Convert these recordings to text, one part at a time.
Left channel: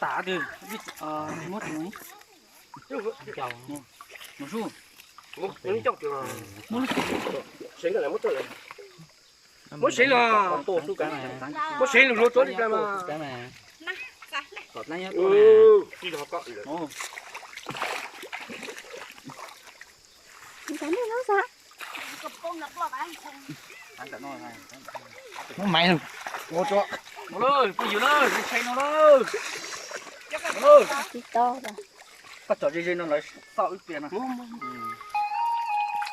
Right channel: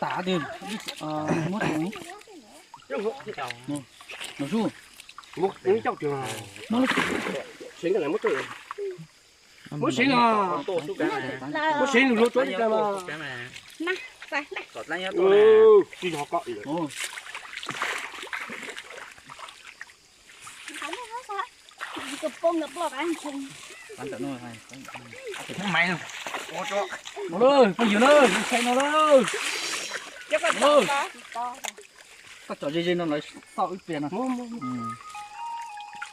tả đi mất rồi nó su mất những trong trường nó xính cái là mất rồi mất xính à mất xính rồi trốn đi ra mà cọt lấy hết đi họ cọ rồi ăn tận nồi hay không mày một chỗ nó ơi cái gì nó ơi xe nó ơi ơi các trò chơi nó lấy sợ ít tiền à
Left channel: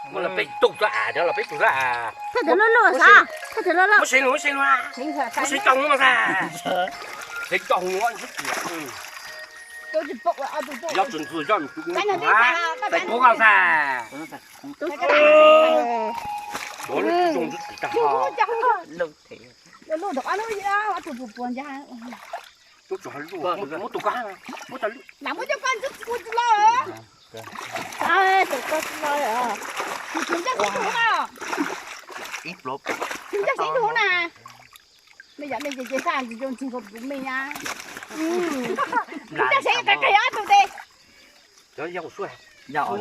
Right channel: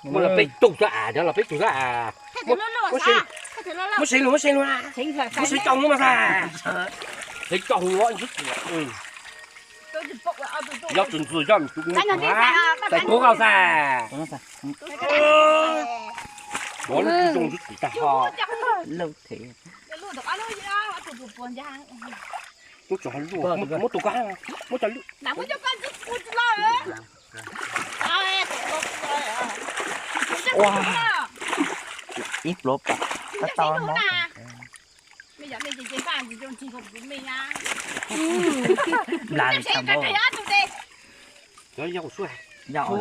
mà là bị tụt ra đó là bị tụt ra mất xính luôn à mất xính trong nữa mà sao xính trong nó rất nhiều要准时让你出工啊！再多高噻！我那种是最大哈，lâu thế都做路，我都干啊，我在路。ít lốp bây giờ mình chỉ sang thì dùng chỉ phục của mình á. lại Chắc sẽ cái á tụi đi. Đó dao xuôi. dạo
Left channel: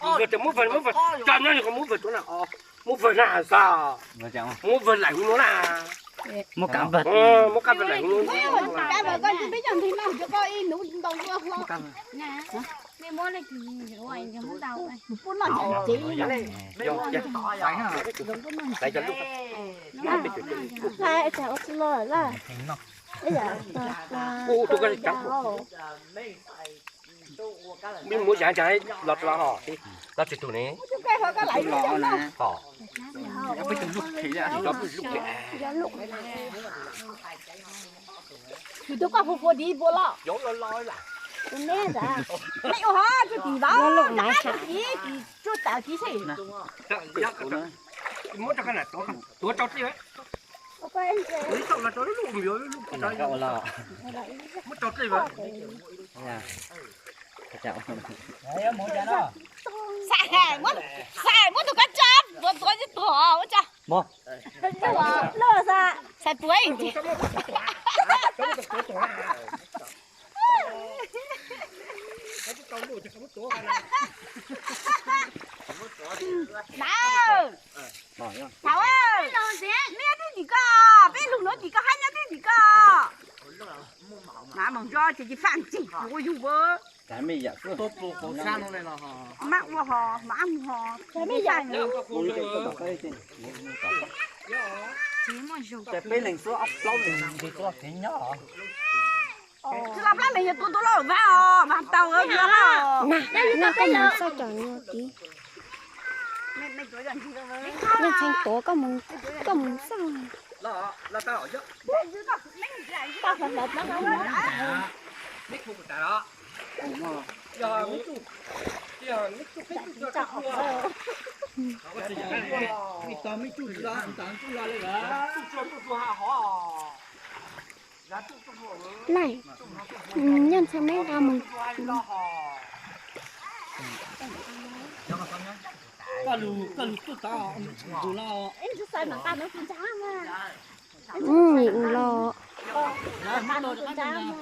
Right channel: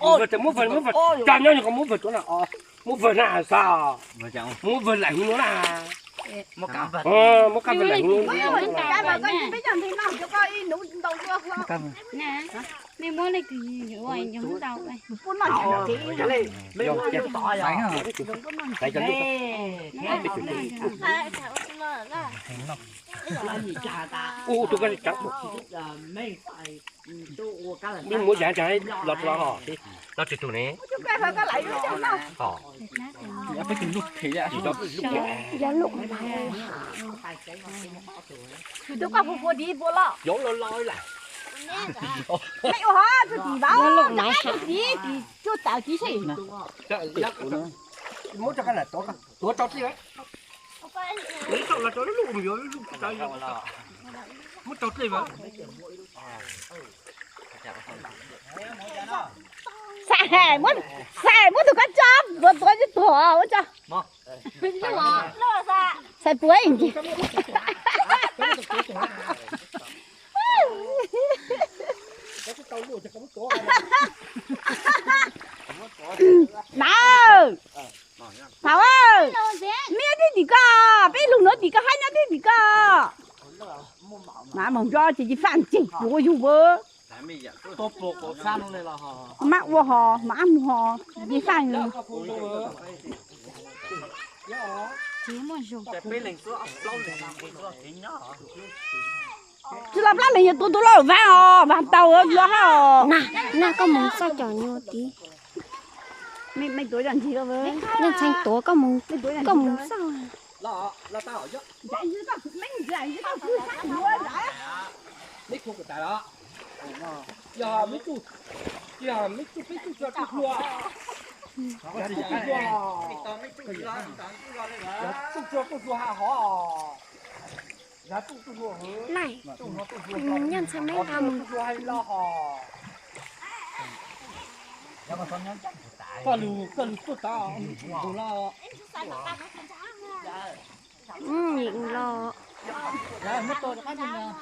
Mua vật mua vật, cho nó còn mua vật chỗ nào? Mua vật nào sao? mà chẳng Mua vật lạnh nó là. mua cá vật Mua cá vật lạnh luôn. Cái mà coi bây giờ thì nào cho coi nấu đầu chưa không? cá nè mày mua này thì ngoài nhà muốn đâu này Bốn lần chỉ. phải hả Tại cho lúc. Hai chào lơ là. Ô tôi cái trắng. Mình mua giá trái lọt lọt hả? Lọt từ này. Chúng ta phải có lại nữa cho nó. Hả? phải từng lúc thì ạ Chỉ đó lúc Giờ lúc này. Thì tôi có phục đi bộ lọ. gió lo lo lại. Mày ô ha, tôi chỉ bảo. Lúc này hả? Thì tôi tạo chỉ gì? Muốn cho cái này tốt không? Tôi cho gì đấy? Lấy xong là cho nó lùm vô lùm cái đấy. Muốn cho gì vậy? Xài muốn tụi con chó, tôi chỉ thua, tôi cho. Mua. Cái gì mà lơ ra, xài bưởi gì? Nào, nào ơi, mía đi đi cả, bé lùng nó đi cả, hai nhá đi đi cả. Nào mong cho chị phản chỉnh, vô vô vô. cái mì dạ tô bộ cổ san lên là hả Mắc vô hò, mà ăn hò, đi phản gì? chỉ muốn dùng cái bên này số ốc lâu thì làm thì có thế nhỏ Chứ làm lát này tôi lo vào tàu ở giữa hả? nè có muốn sao cho nhau tí Mày tối làm gì đâu với? nhân thành tổ có muốn sao là tao ở chứ Để dưới các phụ lính gì anh tao phải lật nó đã. Mít thu của ta đó. Giờ mít thu cho các cua. mày tao mấy chú ra tao chú ra lên là Cho cua hả hả? này nhân sao mấy ra muốn có lù tôi tao đủ lo Em cứ sai mà ta nói chính xác mà. lo mất tôi cho các mình